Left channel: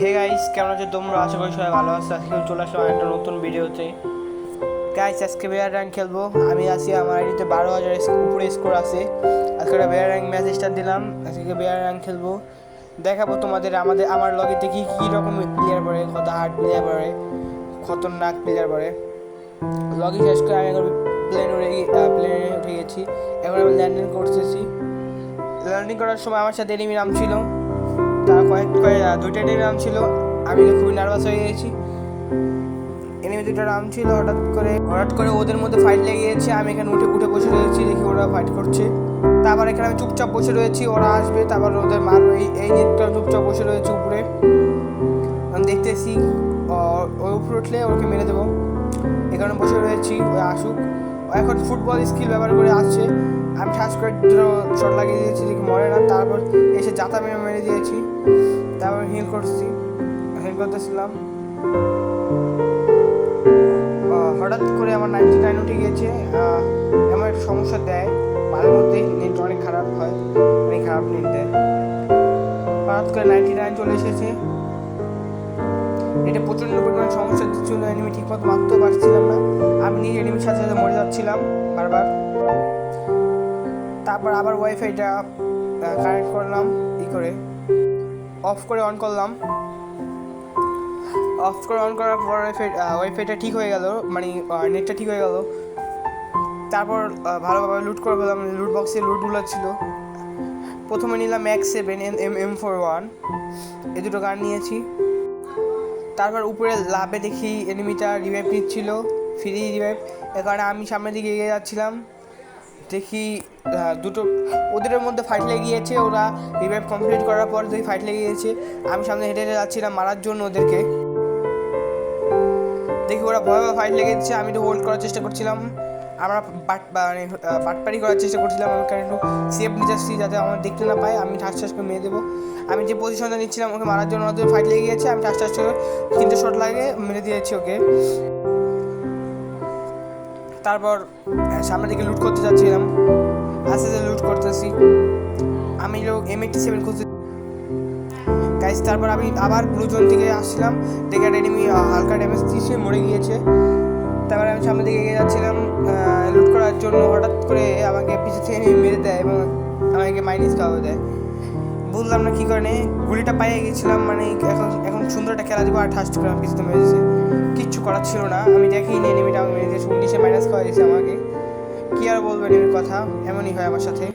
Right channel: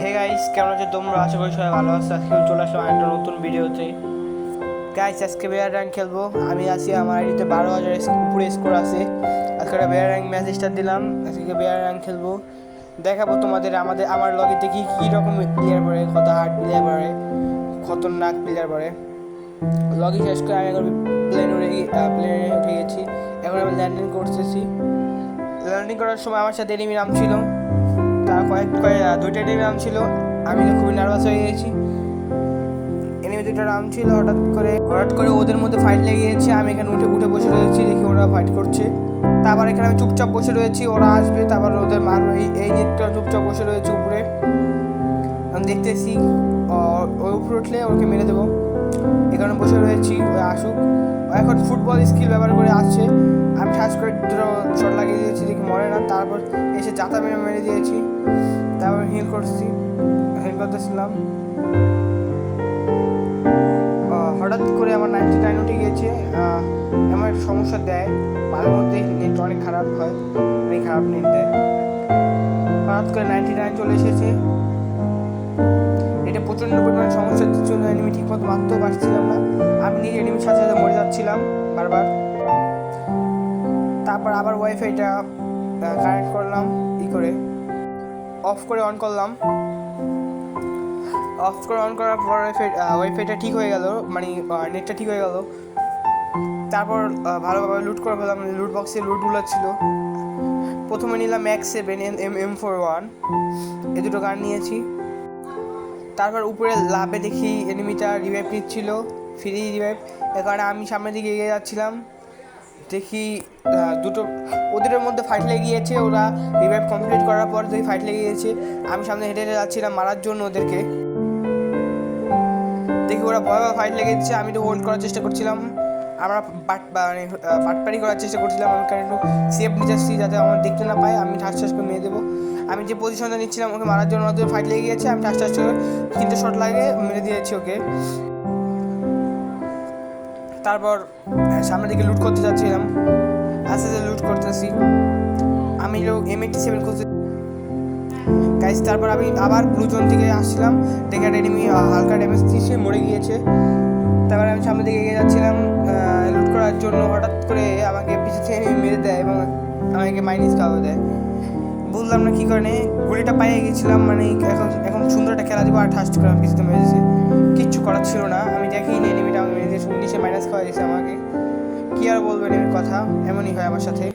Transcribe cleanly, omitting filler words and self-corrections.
Hey guys, কেমন আছো তোমরা? আশা করি সবাই ভালো আছো। আজকে চলে আসলাম একটা নতুন ভিডিওতে। গাইস, আজকে বেয়ার র্যাঙ্ক খেলবো। আমি আছি, আমার আইডিতে 12,000 উপরে স্কোর আছে। আজকে একটা বেয়ার র্যাঙ্ক ম্যাচ স্টার্ট দিলাম। আজকে বেয়ার র্যাঙ্ক খেলবো, দেখাবো তোমাদের আমার লগেতে কী রকম প্লেয়ার পড়ে, কত হার্ড প্লেয়ার পড়ে, খতরনাক প্লেয়ার পড়ে। লগই শেষ করে আমি এখন প্লেনে উঠে গেছি। এখন আমি ল্যান্ডিং করতেছি। ল্যান্ডিং করার সময় আমার সাথে এনিমি নাম ছিল, তার দুইটা এনিমি নাম ছিল। আমি তো খুবই নার্ভাস হয়ে গেছি। এনিমি দুটো নাম ছিল, হঠাৎ করে ওদের মধ্যে ফাইট লেগে গিয়েছে। আমি এখানে উঠে বসে রয়েছি, দেখি ওরা ফাইট করছে। তারপর এখানে আমি চুপচাপ বসে রয়েছি, ওরা আসবে, তারপর ওদের মারবে। এই নেটটা চুপচাপ বসে রয়েছে উপরে, আমি দেখতেছি। ওই উপরে উঠলে ওকে মেরে দেবো। এখানে বসে রয়েছি, ওই আসুক। ও এখন ফুটবল স্কিল ব্যবহার করে আসছে। আমি ঠাস করে দুটো শট লাগিয়ে দিয়েছি, দেখি মরে না। তারপর এসে জাতা মেরে দিয়েছি। তারপর হিল করতেছিলাম। হঠাৎ করে আমার 99 উঠে গিয়েছে। এমন একটা সমস্যা দেয় মাঝে মধ্যেই, নেট অনেক খারাপ হয়, অনেক খারাপ নেট দেয়। হঠাৎ করে 99 চলে এসেছে। এটা প্রচণ্ড পরিমাণ সমস্যা দিচ্ছিল, এনিমি ঠিকমতো মারতেও পারছিলাম না। আমি নিজে এনিমির সাথে সাথে মরে যাচ্ছিলাম বারবার। তারপর আবার ওয়াইফাইটা কানেক্ট করলাম, অফ করে অন করলাম। অন করার পর ওয়াইফাইটা ঠিক হয়ে গেল, মানে নেটটা ঠিক হয়ে গেল। তারপর ভালোভাবে লুট করে ফেলাম। লুট বক্সে লুটগুলো ছিল। প্রথমে নিলাম MAX-7 M41, এই দুটো গান নিয়েছি। তারপর উপরে লাভে দেখি এনিমিটা রিভাইভ নিচ্ছিল, ফ্রি রিভাইভ। এ কারণে আমি সামনের দিকে এগিয়ে যাচ্ছিলাম। দেখি দুটো ওদের মধ্যে ফাইট লেগে গিয়েছে। ওরা রিভাইভ কমপ্লিট করার পর দেখি ফাইট লেগে গিয়েছে। আমি সামনে হেঁটে যাচ্ছিলাম মারার জন্য ওদেরকে। দেখি ওরা ভয়াবহ ফাইট লেগে দিচ্ছে, আমি তো হোল্ড করার চেষ্টা করছিলাম। আমরা বাটপারি করার চেষ্টা করছিলাম। আমি কারণ একটু সেফ নিতে আসছি, যাতে আমার দেখতে না পায়। আমি ঠাস করে মেরে দেবো। আমি যে পজিশনটা নিচ্ছিলাম ওকে মারার জন্য, ওদের ফাইট লেগে গিয়েছে। আমি ঠাস করে 3টে শট লাগিয়ে মেরে দিয়েছি ওকে। তারপর সামনের দিকে লুট করতে যাচ্ছিলাম, আস্তে আস্তে লুট করতেছি। আমি M87 খুঁজতে গাইস। তারপর আমি আবার ব্লু জোন থেকে আসছিলাম, দেখে একটা এনিমি হালকা ড্যামেজ দিয়েছে, মরে গিয়েছে। তারপরে আমি সামনের দিকে এগিয়ে যাচ্ছিলাম লুট করার জন্য। হঠাৎ করে আমাকে পিছু থেকে মেরে দেয় এবং আমাকে মাইনাস খাওয়া দেয়। বুঝলাম না কী কারণে। গুলিটা পাইয়ে গেছিলাম, মানে এখন সুন্দর একটা খেলা দিব, আর ঠাস করে আমার পিছুতে মেরেছে। কিচ্ছু করার ছিল না, আমি দেখিনি এনিমিটা আমাকে মেরে দিয়েছে। 19-এ মাইনাস খাওয়া দিয়েছে আমাকে। কী আর বলবো এনিমির কথা, এমনই হয় আমার সাথে।